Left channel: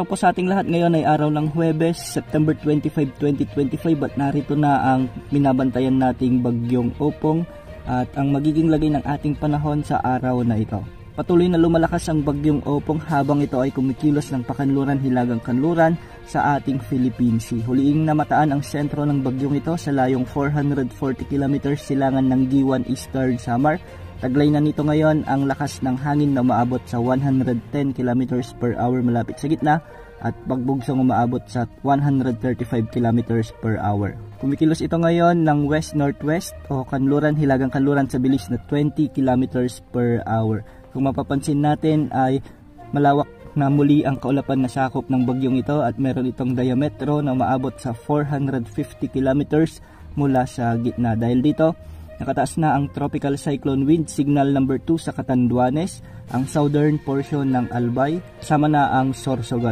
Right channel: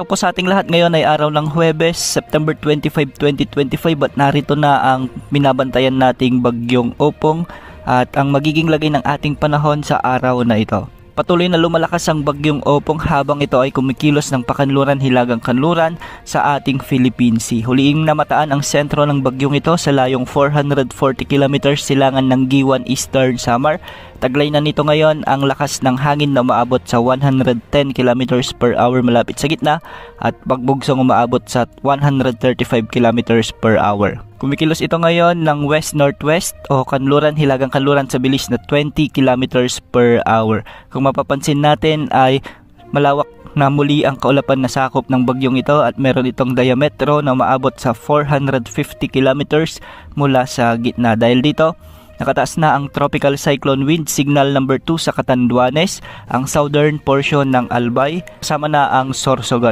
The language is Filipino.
Po sa ating lahat, ngayon ay araw ng Huwebes, September 25, 2025 at narito na ang binabantayan nating bagyong Opong at ang magiging lagay ng ating panahon sa araw na ito. Patuloy na lumalakas ang bagyong Opong habang ito ay kumikilos ng pakanluran hilagang kanluran sa ating Philippine Sea. Huliing namataan ang sentro ng bagyong ito sa layong 440 kilometers silangan ng Giwan Eastern Samar. Taglay na nito ngayon ang lakas ng hangin na umaabot sa 110 km per hour malapit sa gitna at pagbugsong umaabot sa 135 km per hour. Kumikilos ito ngayon ng west-northwest o kanluran hilagang kanluran sa bilis na 20 km per hour. Kung mapapansin natin ay malawak na muli ang kaulapan na sakop ng bagyong ito at meron itong diametro na umaabot sa 450 km mula sa gitna. Dahil dito, nakataas na ang tropical cyclone wind signal number 2 sa Catanduanes, ang southern portion ng Albay, kasama na ang Sorsogon.